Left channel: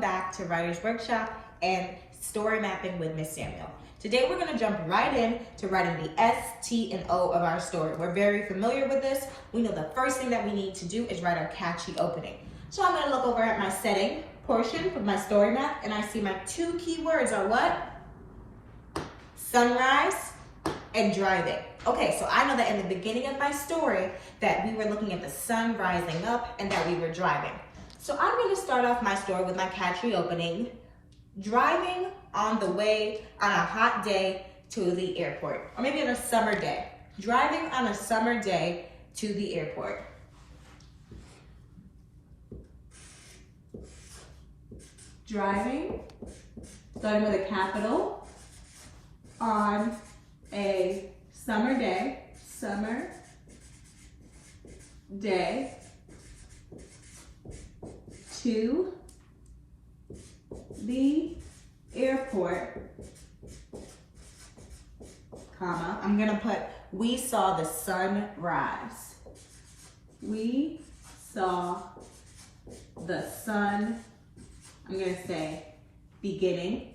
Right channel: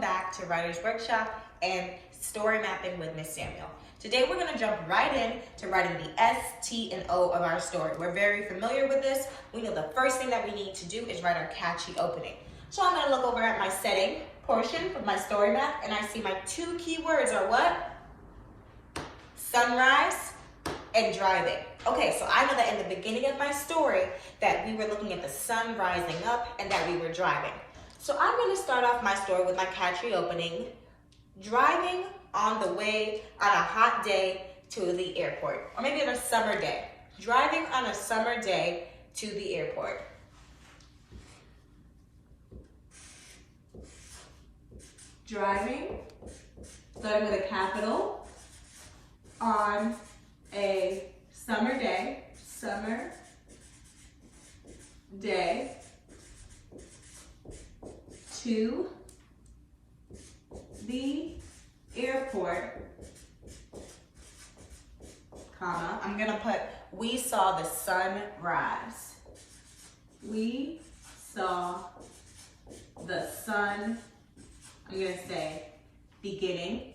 welcome back to Writer's Workshop and Story Mapping with Miss Samuel. Today we're going to jump right in to writing the S, T, and O of our story. We're very familiar with this. We know the first thing that we need to do is write our catchy opening. So I'm going to look over at my setting portion of my story map, and I see my two key words are what? Sunrise and driving. Okay, so I know that in the beginning of my story that we were looking at the sun rising up and that we were driving. So I'm going to start off my story with my catchy opening, driving on the way on a hot day to the airport, or maybe on a summer day. Driving on a summer day to the airport. Driving, starting with a capital, on a summer day to the airport, comma, I'm gonna put, we saw the sun rise. We saw the sun, I'm gonna say beginning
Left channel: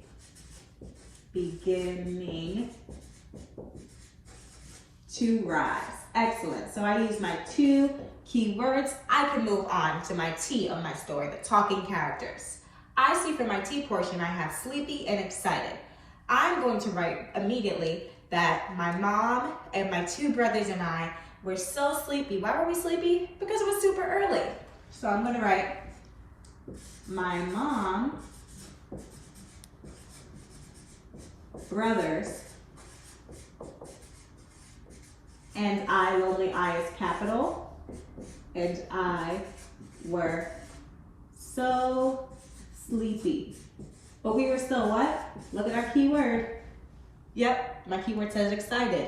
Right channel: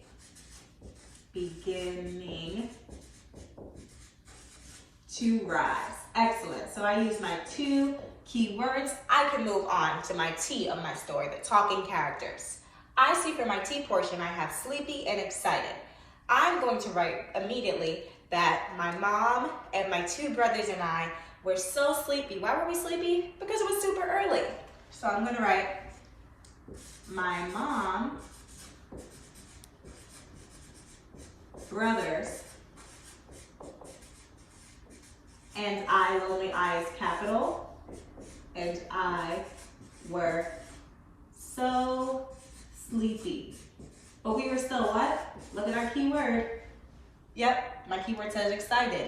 to rise. Excellent. So I use my two key words. I can move on to my T of my story, the talking characters. I see for my T portion, I have sleepy and excited. I'm going to write immediately that my mom and my two brothers and I were so sleepy. Why were we sleepy? Because it was super early. So I'm going to write my mom, brothers, and I, lonely I is capital, and I were so sleepy. But we were still what? Look at our keyword. Yep, my keyword says excited.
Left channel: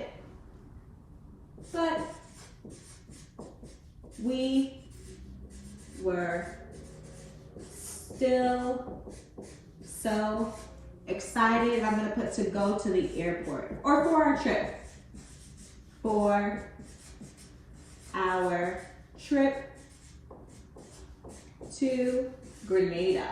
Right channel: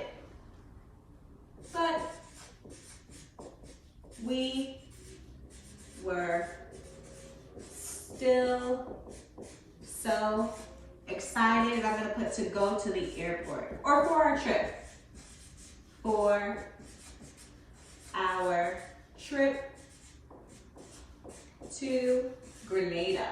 But we were still so excited, and I'm gonna put to go to the airport, or for our trip. For our trip to Grenada.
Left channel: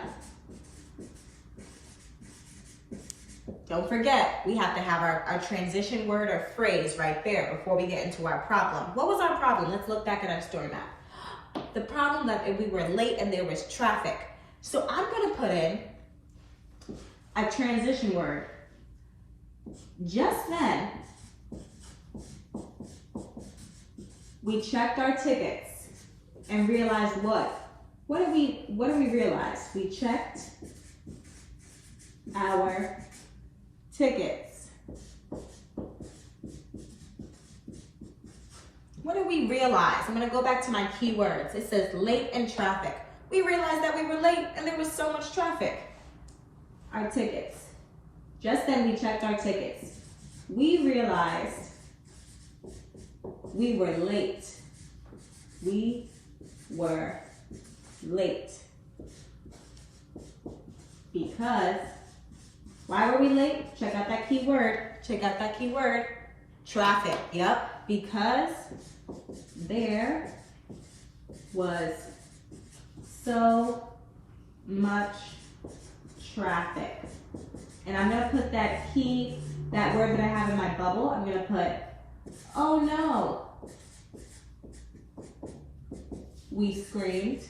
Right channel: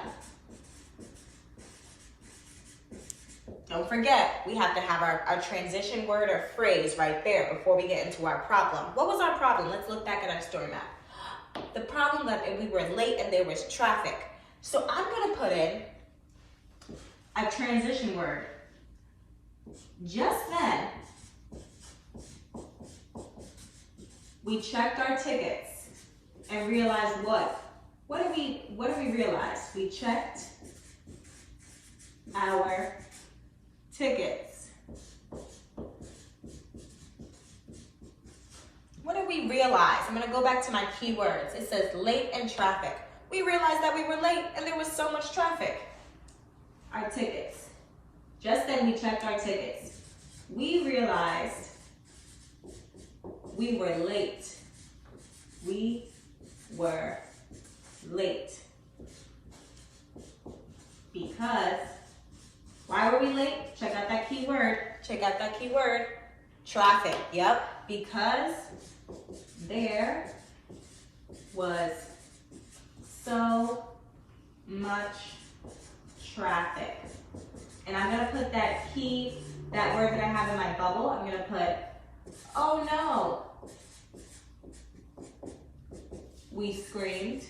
Don't forget, we have to have our transition word or phrase right there before we get into our problem. What was our problem? Let's look back at our story map. The problem that we were late and there was traffic. So I'm gonna put in a transition word. Just then, we checked our tickets and realized what? What did we realize? We checked our tickets. What did we realize? I'm gonna go back to my keywords. It says late and traffic. We realized that we were late and there was so much traffic. Our tickets. Just then we checked our tickets. We realized we were late. We were late. Because, why were we late? Check out that key word. Check out that key word. Traffic. Yep. Because there was so much traffic. And I'm going to put that key, that word that I have in my bubble, I'm going to put, oh no. We screamed.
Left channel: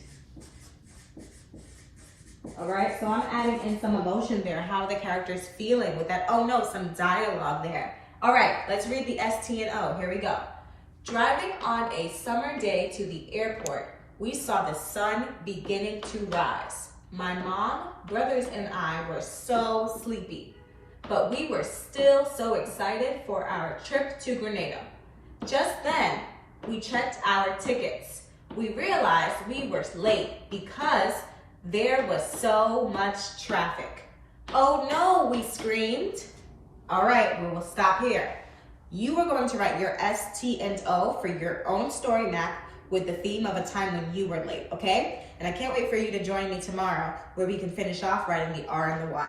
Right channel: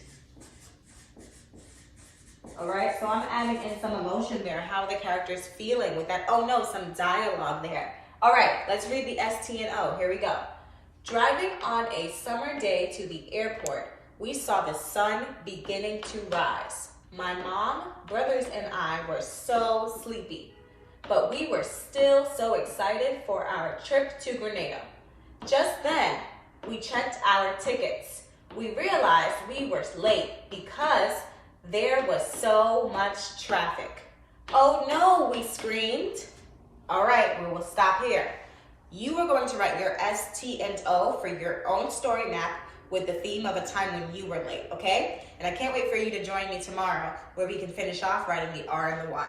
All right, so I'm adding in some emotion there. How are the characters feeling with that? Oh no, some dialogue there. All right, let's read the S, T, and O. Here we go. Driving on a summer day to the airport, we saw the sun beginning to rise. My mom, brothers, and I were so sleepy, but we were still so excited for our trip to Grenada. Just then, we checked our tickets. We realized we were late because there was so much traffic. Oh no, we screamed. All right, we will stop here. You are going to write your S, T, and O for your own story map with the theme of a time when you were late, okay? And I can't wait for you to join me tomorrow where we can finish off writing the R and the Y.